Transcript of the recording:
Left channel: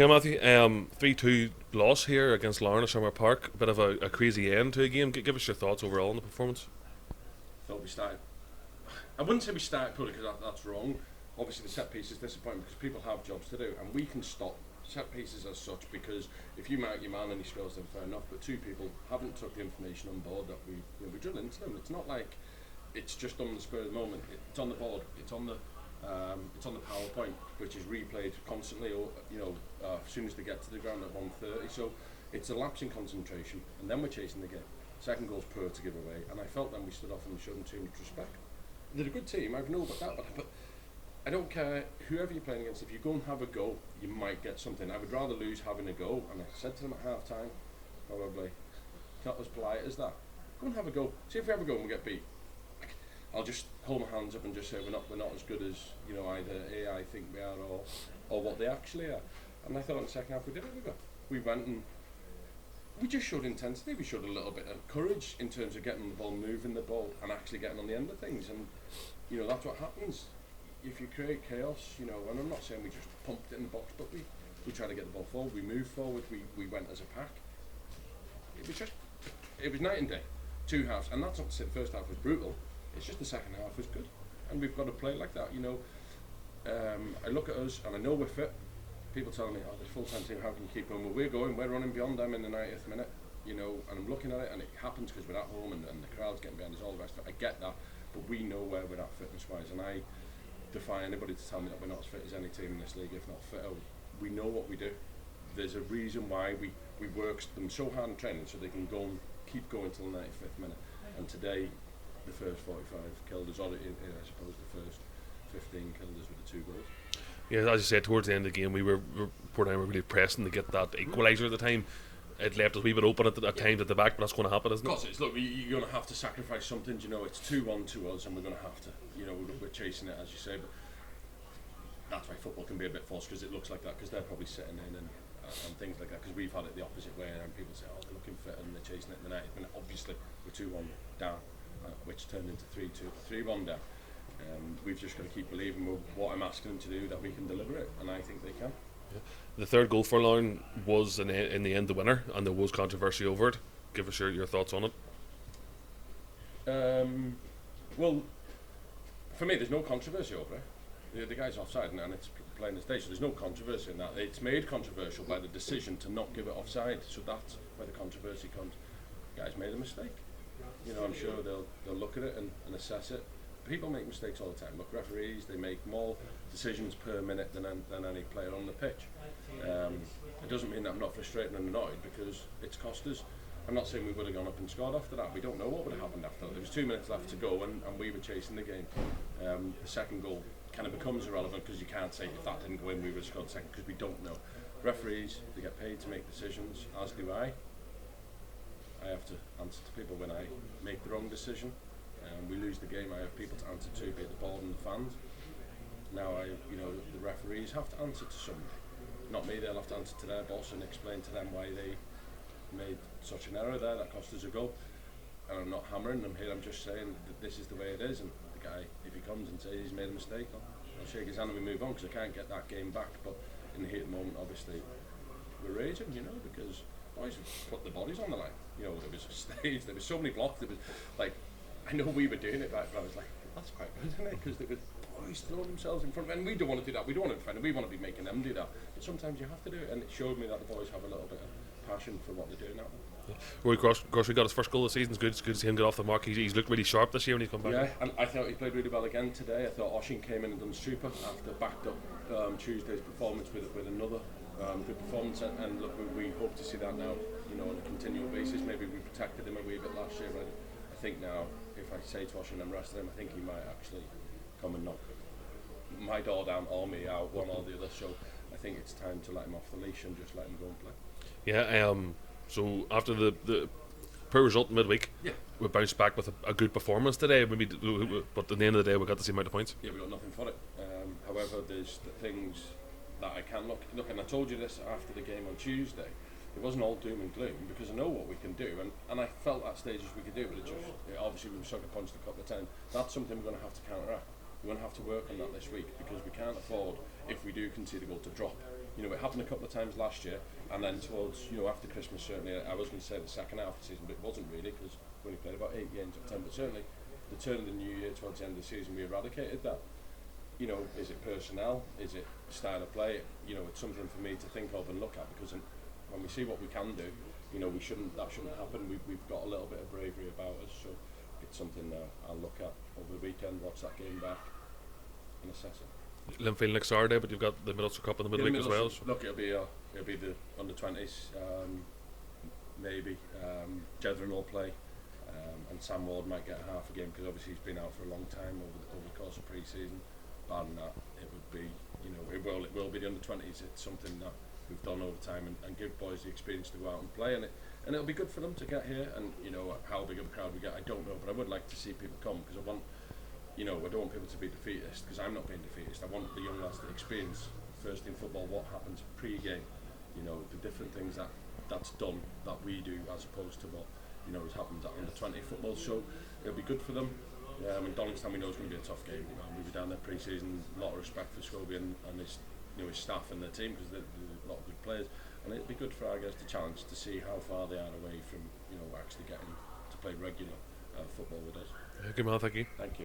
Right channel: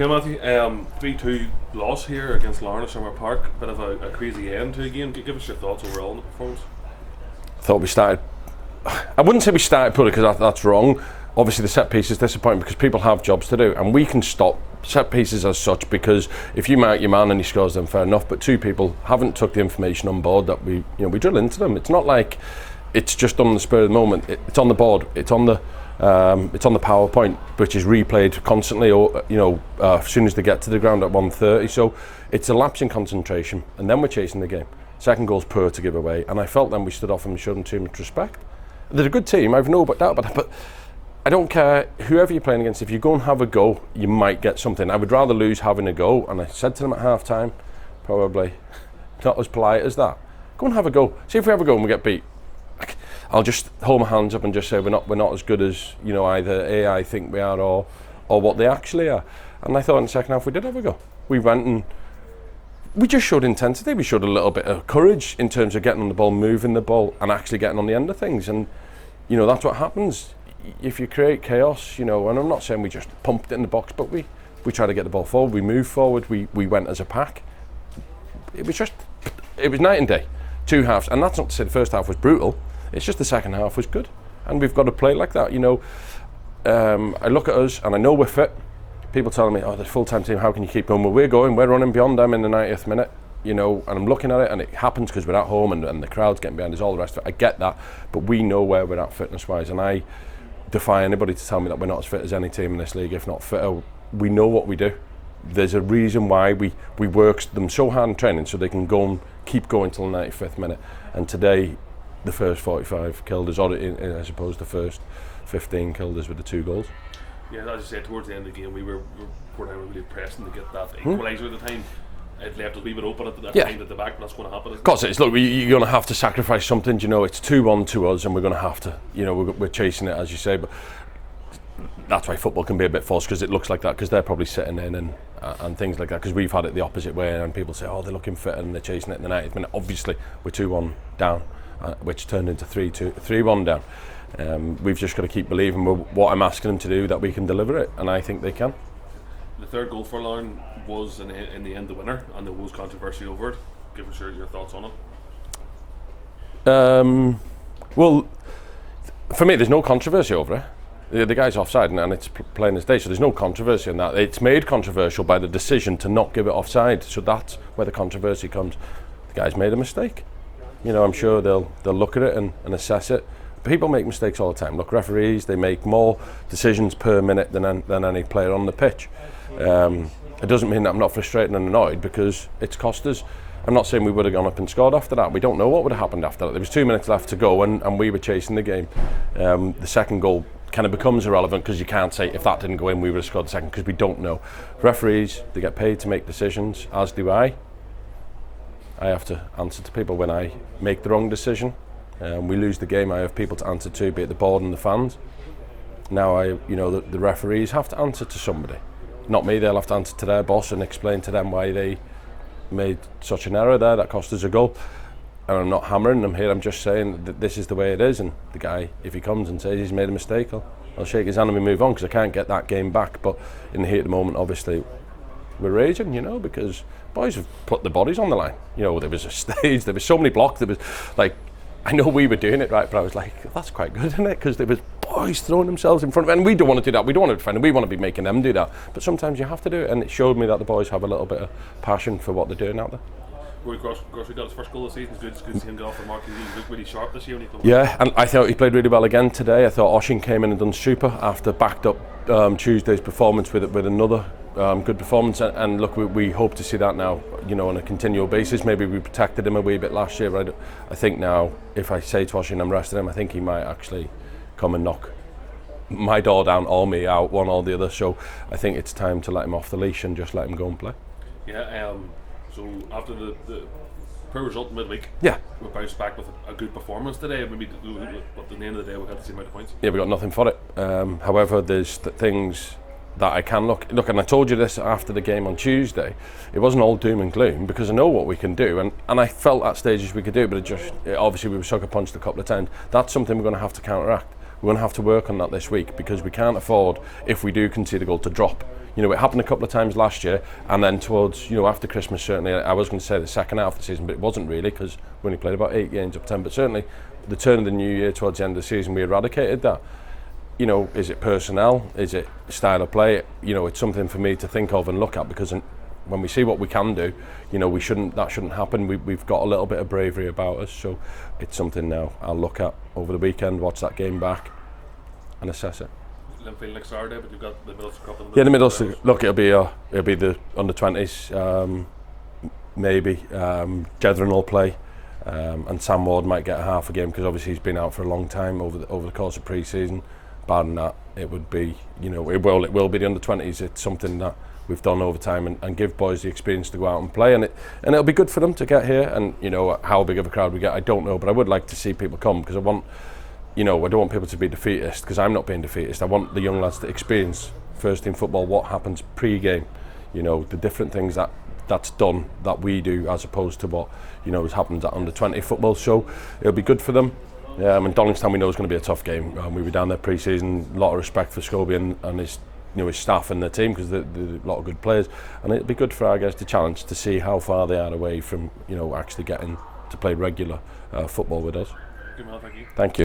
Okay, Matthew, 3-2 loss here against Larne at Summer Park. Bit of a crazy end to the game. Give us your thoughts overall on the performance. Thought we started. I wouldn't say we started poorly because that's wrong. Obviously, the set piece is disappointing because people have jobs to do, and we can stop set pieces as such because if you mark your man and he scores them, fair enough. But two people haven't took the information on board that we drill into them. It's not like it's just done on the spur of the moment. It's on the board. It's on the PowerPoint, which is replayed constantly, or as soon as they get to the ground at 1:30. So it's a lapse in concentration, and then we're chasing the game. Second goal's poor to give away, and I felt then we stood off and we showed them too much respect. They're a good team, I've no doubt about that, but I don't care whoever you're playing against. If you go and have a go, you might get something. I would rather lose having a go, and I said to them at half time, probably not as polite as that. Go and have a go. See if we have a go and we get beat. I'll just hold my hands up and just say we're not as good as either AI think we are or what they actually are. And I thought in the second half we did have a go. We went and we just showed intensity. We showed a little bit of courage in terms of getting on the ball, moving the ball, and actually getting on the end of things. And that's what happens if you create chaos. And I'm not saying we just pumped it in the box, but we tried to get the ball forward. We moved forward. We went as a pack. It was night and day. Two halves, and that's not to say the first half was brutal. It's just the second half was good, and we've got to play like that. I look at us and I know we're fit. People telling me, the full-time team, how can you keep going? Well, we're running beyond them in the 90th minute, and I'm looking at it, and it happens because we're at home and the crowd's getting behind us, all the rest of it. I get that, but we know where we're at fitness-wise, and I defy anybody to tell me that we're not as fit as any team in this league, if not fitter. We know what we do. There's a reason why we work them so hard in training so they can go and keep going till the 95th minute. And today, the first 45 killed us, or I suppose the first 15 killed us with the 2 goals. Yeah, as you said, towards the end of the game, we were really pressing to get that equaliser at the time. It left us a wee bit open at the time at the back, but that's going to happen. Of course it is. Look, you're going to have to sacrifice something. It's 2-1 to us, and we're going to have to. We're chasing it, as you say. But that's why football can be a bit false, because it looks like that, because they're probably sitting in and things like that. Because we've had it the opposite way, and people say, they're looking fit and they're chasing it in the 90th minute. Obviously, we're 2-1 down, which turned into 3-1 down. We've just got to keep believing what I'm asking them to do, that we can deliver it, and I think they can. The third goal for Larne was in the end the winner, and there was controversy over it. Give us your thoughts on it. Well, for me, there's no controversy over it. The guy's offside, and it's plain as day, so there's no controversy in that. It's made controversial by the decision to not give it offside, so that's where the controversy comes. The guy's made a mistake. I'm sure they'll look at it and assess it. People make mistakes all the time. Look, referees, they make more decisions per minute than any player on the pitch. It doesn't mean that I'm not frustrated and annoyed, because it's cost us. I'm not saying we would have gone up and scored after that. We don't know what would have happened after that. There was 2 minutes left to go, and we were chasing the game. The second goal kind of becomes irrelevant, because you can't say if that didn't go in we would have scored the second, because we don't know. Referees, they get paid to make decisions, as do I. I have to answer to people when I make the wrong decision. We lose the game, I have people to answer to, be it the board and the fans. Now the referees have to answer to somebody. Not me, they'll have to answer to their boss and explain to them why they made such an error there that cost us a goal. And I'm not hammering them here, I'm just saying that this is the way it is, and the guy, if he comes and says he's made a mistake, I'll shake his hand and we move on, because I can't get that game back. But in the heat of the moment, obviously, we're raging, because boys have put the bodies on the line. There was a stage, there was so many blocks, there was I know we were doing it right, but I was like, that's quite good, isn't it? Because there was boys throwing themselves in front of it, and we don't want to do that. We don't want to defend it. We want to be making them do that. But sometimes you have to do it, and it showed me that the boys have a little bit of passion for what they're doing out there. Rory Grocery got his first goal of the season. It's good to see him get off the mark. He's looked really sharp this year when he comes. Yeah, and I thought he played really well again today. I thought Oshin came in and done super after backed up Tuesday's performance with another good performance. And look, we hope to see that now, on a continual basis. Maybe we protected him a wee bit last year. But I think now, if I say to Oshin I'm resting him, I think he might actually come and knock my door down or me out, one or the other. So I think it's time to let him off the leash and just let him go and play. Yeah. So after the poor result midweek, we bounced back with a good performance today. But at the end of the day, we got the same amount of points. Yeah, we got nothing for it. However, there's things that I can look, and I told you this after the game on Tuesday. It wasn't all doom and gloom, because I know what we can do, and I felt at stages we could do, but obviously we were sucker punched a couple of times. That's something we're going to have to counteract. We're going to have to work on that this week, because we can't afford, if we do concede a goal, to drop. You know, it happened a couple of times last year, and then towards, you know, after Christmas, certainly, I was going to say the second half of the season, but it wasn't really, because we only played about 8 games up 10, but certainly the turn of the new year towards the end of the season, we eradicated that. You know, is it personnel? Is it style of play? You know, it's something for me to think of and look at, because when we see what we can do, you know, that shouldn't happen. We've got a little bit of bravery about us, so it's something now I'll look at over the weekend, watch that game back and assess it. Linfield next Saturday, but you've got the Middlesbrough Cup in the middle. Yeah, the Middlesbrough. Middlesbrough. Look, it'll be the under-20s, maybe. Jedron will play, and Sam Ward might get a half a game, because obviously he's been out for a long time over the course of pre-season. Barring that, it would be, you know, it will be the under-20s. It's something that we've done over time, and give boys the experience to go out and play, and it'll be good for them to get here. And you know, how big of a crowd we get, I don't know, but I would like to see people come, because I don't want people to be defeatist, because I'm not being defeatist. I want the young lads to experience first team football, what happens pre-game, you know, the different things that's done that we do, as opposed to what, you know, has happened at under-20 football. So it'll be good for them. And Donington, we know, is going to be a tough game. We were down there pre-season, a lot of respect for Scobie and his, you know, his staff and the team, because they're a lot of good players, and it'll be good for our guys to challenge, to see how far they are away from, you know, actually getting to play regular football with us. Good man, thank you. Thank you.